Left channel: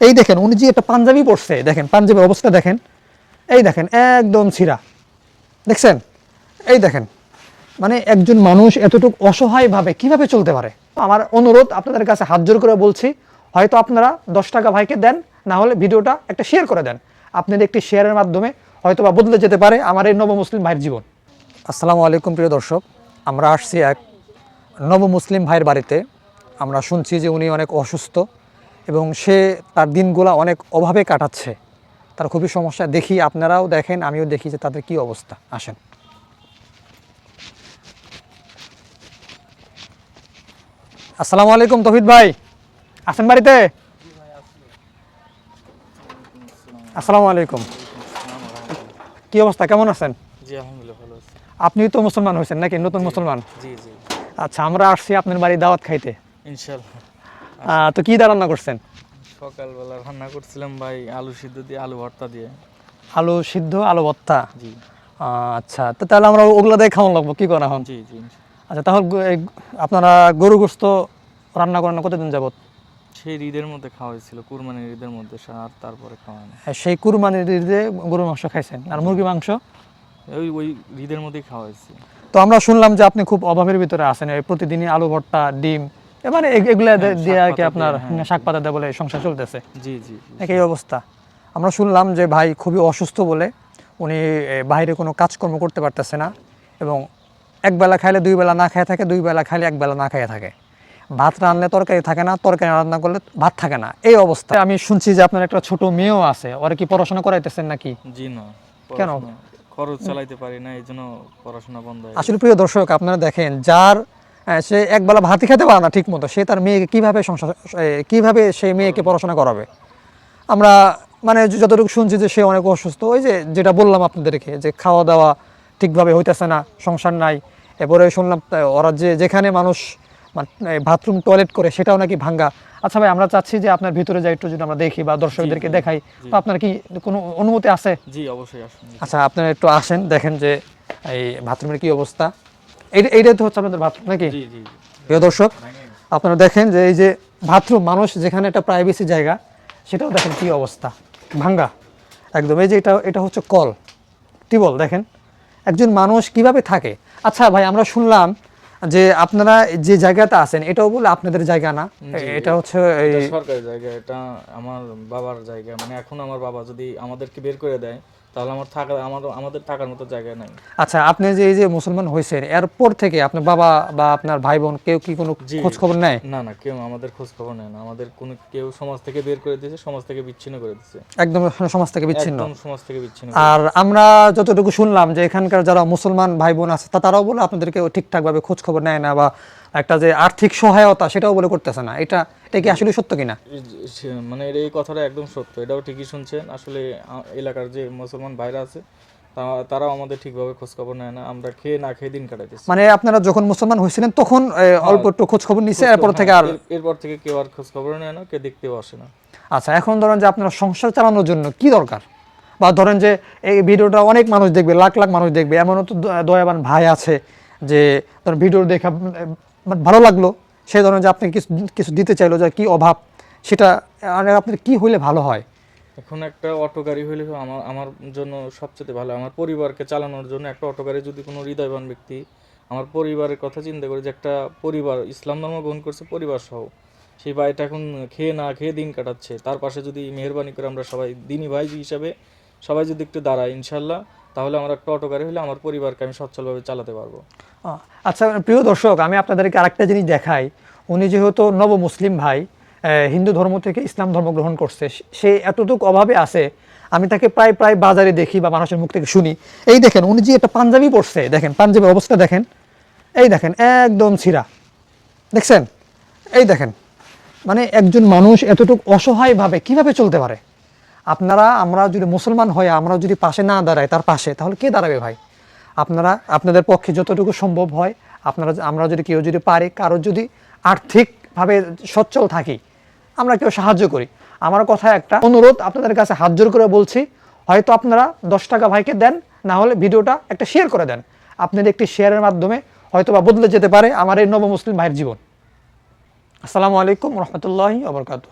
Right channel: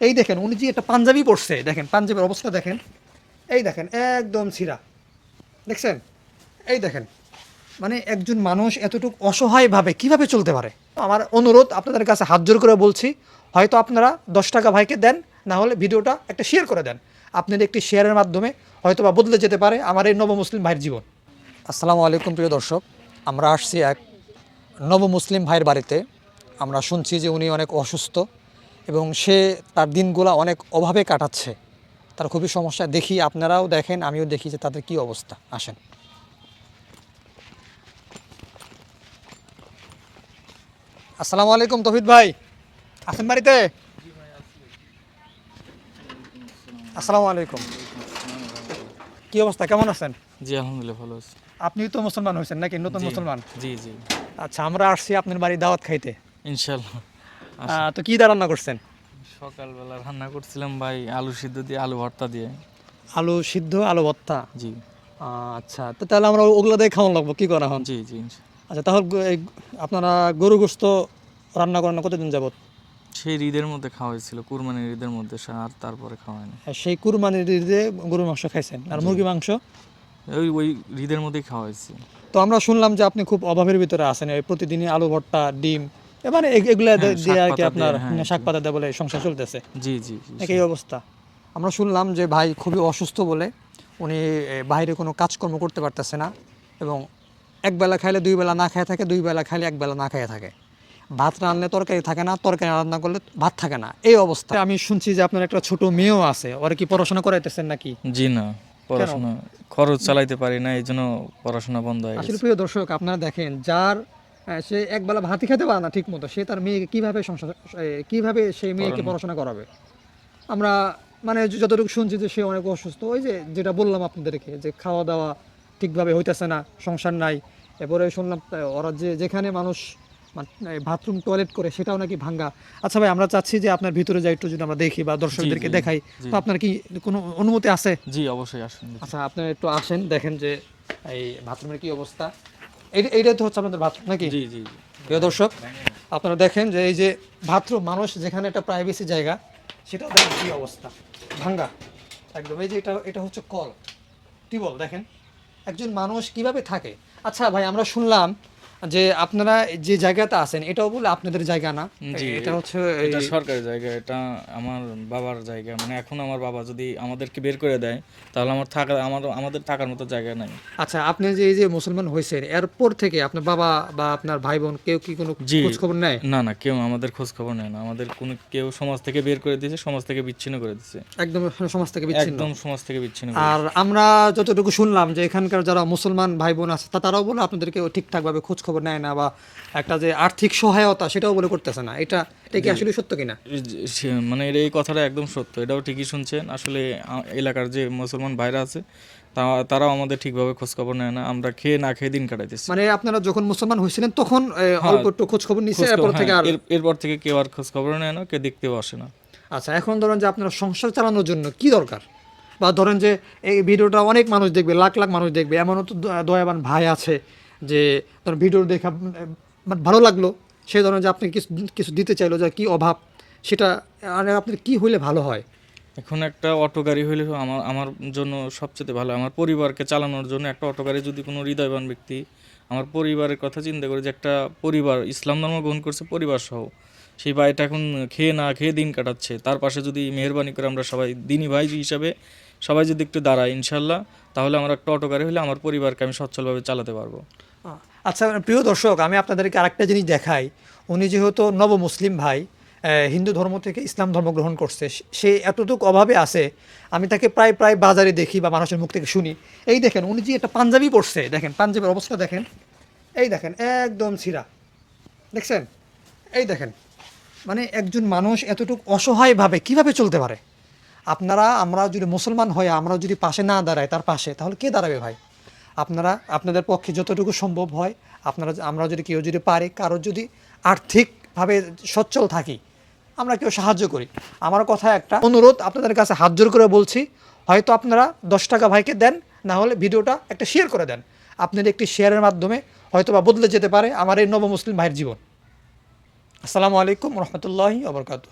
এই দেখেন উনি যে একটা পাঞ্জাবি পরছে, দেখেন পাঞ্জাবির অবস্থা দেখেন, এই দেখেন একদম ছিঁড়া, দেখছেন? এই দেখেন, মানে একজন মানুষ এতটুকু অসহায়ভাবে কিভাবে চলতে পারে? আমার অনুরোধ আপনাদের কাছে হাত জোর করে বলছি, হয়তো আপনারা 10 টাকা ভাইকে দেন, না হলে ভিডিওটা একটা শেয়ার করে দেন। আপনাদের একটি শেয়ারের মাধ্যমে হয়তো বা বদলে যেতে পারে আমার এই নবমুসলিম ভাইয়ের জীবন। আসসালামু আলাইকুম প্রিয় দর্শক, আমরা আসছি এক নবমুসলিম ভাইয়ের বাড়িতে। আমরা শুনছি যে উনি অনেক অসুস্থ এবং সে তার দিনগুলো অনেক অভাবে কাটাচ্ছে, তার খুবই সমস্যা। দেখি, আপনারাও দেখেন, আমিও দেখি যে তাদের কি অবস্থা। আসেন। আসসালামু আলাইকুম তৌহিদ ভাই, আছেন বাড়িতে? আসসালামু আলাইকুম, কি অবস্থা, কেমন আছেন? জি আলহামদুলিল্লাহ ভালো আছি। আপনি তো মুসলমান হয়েছেন নাকি, নতুন মুসলমান? জি জি আচ্ছা, আমরা আসছি আপনার বাড়ি দাওয়াত খাইতে। ইনশাল্লাহ। তো কি রান্না করছেন? সকালবেলা রান্না করছিলাম ভাই আলু সিদ্ধ দিয়ে আলু ভর্তা দিয়ে। আলু সিদ্ধ, আলু ভর্তা। জি আচ্ছা, তো তাহলে আমরা ওগুলা দিয়ে খাওয়ান লাগবো, কি করা হন? জি জি আচ্ছা, তাহলে আপনারা গরু গোস্ত রান্না করেন কতদিন যাবত? সেই ঈদের মধ্যে খাওয়া হয়েছিল, কুরবানির ঈদের মধ্যে আর তারপরে খাওয়া হয়নি। সেই কুরবানির ঈদে গরুর মাংস খাইছেন, আর মুরগি মাংস? ওই ঈদের মধ্যেই খাওয়া হয়েছে। তো আমরা শুনলাম যে আপনি খুব অভাবের ভিতরে আছেন, প্রতিদিনই আলু ভর্তা, ডিম, মানে এগুলা দিয়ে আর কি আপনার শাক পাতা দিয়ে বলে সংসার চলতেছে, জি জি এই অবস্থা। আমরা শুনলাম যে ভাই খুবই অসুস্থ বলে উনি বাইরে কোনো কাজকর্ম করতে পারতেছে না, এবং একবেলা খাইলে দুই বেলা না খেয়ে থাকে, দুই বেলা খাইলে একবেলা না খেয়ে থাকে। ভাত রান্না তরকারি থাকে না, তরকারি রান্না করলে ভাত থাকে না, এই অবস্থা। আমি শুনছি যে আপনার একটা ছোট মেয়েও আছে, ওরা কি পড়াশোনা করাইতেছেন নাকি? জি না, পড়াশোনা খরচ চালাইতে পারি না, এই জন্য পড়াশোনা বন্ধ হয়ে গেছে। আসলে প্রিয় দর্শক, আপনারা দেখেন, যার সে একবেলা ভাতই খেতে পারে না ঠিক মতো, সে তার মেয়েকে কিভাবে সংসার, কিভাবে সেই মেয়েকে পড়াশোনা করাবে? আমরা মানে যতটুকু শুনছি যে সে অনেক অসুস্থ, ওই যে যেটা বললাম আপনাদেরকে, যে খাওয়া দাওয়া ঠিকভাবে হইতেছে না, সংসার নাই। এরপরে শুনলাম ওরা যেখানে মানুষ বাথরুম টয়লেট করে সেটাও নাকি ভাঙ্গা। আচ্ছা ভাই, আমরা চাচ্ছি যে আপনার ভিতরে যাই, একটু যদি আমরা দেখি বা দর্শকদেরকে দেখাই, তো আপনার কি কোনো অনুমতি আছে? জি অবশ্যই আসুন। আচ্ছা, আপনারা একটু আসেন, দেখেন যে এই বাথরুমের কি অবস্থা। এইটা তো হচ্ছে আপনাদের বাথরুম নাকি? জি জি প্রিয় দর্শক, আপনারা দেখেন যে এই যে বাথরুম, মানুষ যেখানে একটা প্রাইভেসি জায়গা, সেটাও দেখেন কি অবস্থা, ভাঙ্গা একদম। এই যে এটা হচ্ছে কল, টিউবওয়েল, দেখেন একজন মানুষ কিভাবে থাকে। আচ্ছা ভাই, আমরা শুনলাম যে আপনারা যে জায়গাতে আছেন এটাও বলে আপনাদের জায়গা না, এটা হচ্ছে এটা সরকারি জায়গা, এটা আমার বাবার জায়গা। মানে এখন আমার বাবা যদি আমাদেরকে বের করে দেয়, তাহলে আমাদের থাকার মতো জায়গা নাই। আচ্ছা, আপনি যে এই যে মুসলমান হয়েছেন, এরপর থেকে আপনার বাবা বা আপনার ভাই বোন কেউ কি কোনো খোঁজ খবর নেয়? না না, কেউ আমাদের খোঁজ খবর নেয় না। আমাদের কোনো কেউ সমাজ থেকে বের করে দিয়েছে, সমাজ থেকে বিচ্ছিন্ন করে দিয়েছে, একদম সমাজ থেকে বিচ্ছিন্ন। একদম সমাজ থেকে বিচ্ছিন্ন। আর আমরা যতটুকু শুনলাম যে এখানকার যারা মুসলমান ভাই বোন আছে তারাও বলে আপনাদেরকে ঠিকঠাকভাবে খোঁজ খবর নেয় না, বা একটা যে আর্থিক সহায়তা সেটাও বলে করতেছে না। এটা কি আসলে সত্য কিনা? মানে এই কথাটা একদম সত্য, এটাও ঠিকই শুনছেন। আসলে এলাকার যে মুসলমান ভাইরা আছে তারাও আমাদের ঠিকভাবে খোঁজ খবর নেয় না। আমরা খেয়ে না খেয়ে দিন কাটাইতেছি। মানে আপনারা যখন মুসলমান হয়েছিলেন তখন অল্প একটু খোঁজ খবর নিছে, এরপর থেকে আর এরপর থেকে কেউ আর খোঁজ খবর নেয় না, কেউ দেখতেও আসে না। আচ্ছা, এখন ধরেন যে আপনার সংসার চালানোর জন্য কি দরকার, বা ধরেন যে এই ভিডিওটা অনেক মানুষ দেখবে, লাখ লাখ মানুষ দেখবে, এমনও তো দয়াবান ভাই আছে যে ধরেন ভিডিও দেখা ভালো লাগলো, সেই ধরেন যে আপনি কিছু দিতে চাইলো, যে কি অভাব সেটা, মানে আপনার কি হইলে ভালো হয়? এখন একটা অটো গাড়ি হইলে আমার জন্য সবচেয়ে ভালো। আমার পরিবারকে চালানোর জন্য একটা অটো গাড়ি, যদি কোনো হৃদয়বান ব্যক্তি আমার পরিবারের কথা চিন্তা করে, যে একটা পরিবার ইসলাম ধর্ম গ্রহণ করছে পরিবার সহ, সেই ভাইটা এখন খেয়ে না খেয়ে দিন কাটাচ্ছে, তার পাশে যদি মেহেরবানি করে আমরা সবাই দিনী ভাই হিসাবে সবাই যদি একটু দাঁড়াই ইনশাল্লাহ, তাহলে আমার একটা অটো গাড়ি হলে আমার পরিবারকে আমি সচ্ছলভাবে চালাতে পারবো। আচ্ছা প্রিয় দর্শক, আমি আপনাদেরকে আরেকটা জিনিস দেখাই। উনি যেহেতু নব মুসলিম ভাই, হিন্দু ধর্ম থেকে ইসলাম ধর্ম গ্রহণ করছে, সে এতটুকু অভাবে আছে, আমি তাকে প্রায় বাজারে দেখি বা মানুষের মুখ থেকে শুনি। এই দেখেন উনি যে একটা পাঞ্জাবি পরছে, দেখেন পাঞ্জাবির অবস্থা দেখেন, এই দেখেন একদম ছিঁড়া, দেখছেন? এই দেখেন, মানে একজন মানুষ এতটুকু অসহায়ভাবে কিভাবে চলতে পারে? আমরা যদি মুসলমান হয়ে আমরা যদি পাশে না দাঁড়াই তার পাশে, তাহলে কে দাঁড়াবে ভাই? আপনাদের পক্ষে যতটুকু সম্ভব হয়, আমরা যদি কেউ যদি পারি, কারোর যদি আর্থিকভাবে সচ্ছল থাকি, আমরা কেউ সাহায্য করি। আমার কথা একটা অনুরোধ আপনাদের কাছে হাত জোর করে বলছি, হয়তো আপনারা 10 টাকা ভাইকে দেন, না হলে ভিডিওটা একটা শেয়ার করে দেন। আপনাদের একটি শেয়ারের মাধ্যমে হয়তো বা বদলে যেতে পারে আমার এই নবমুসলিম ভাইয়ের জীবন। আসসালামু আলাইকুম রহমতুল্লাহি ওয়া বারাকাতুহু।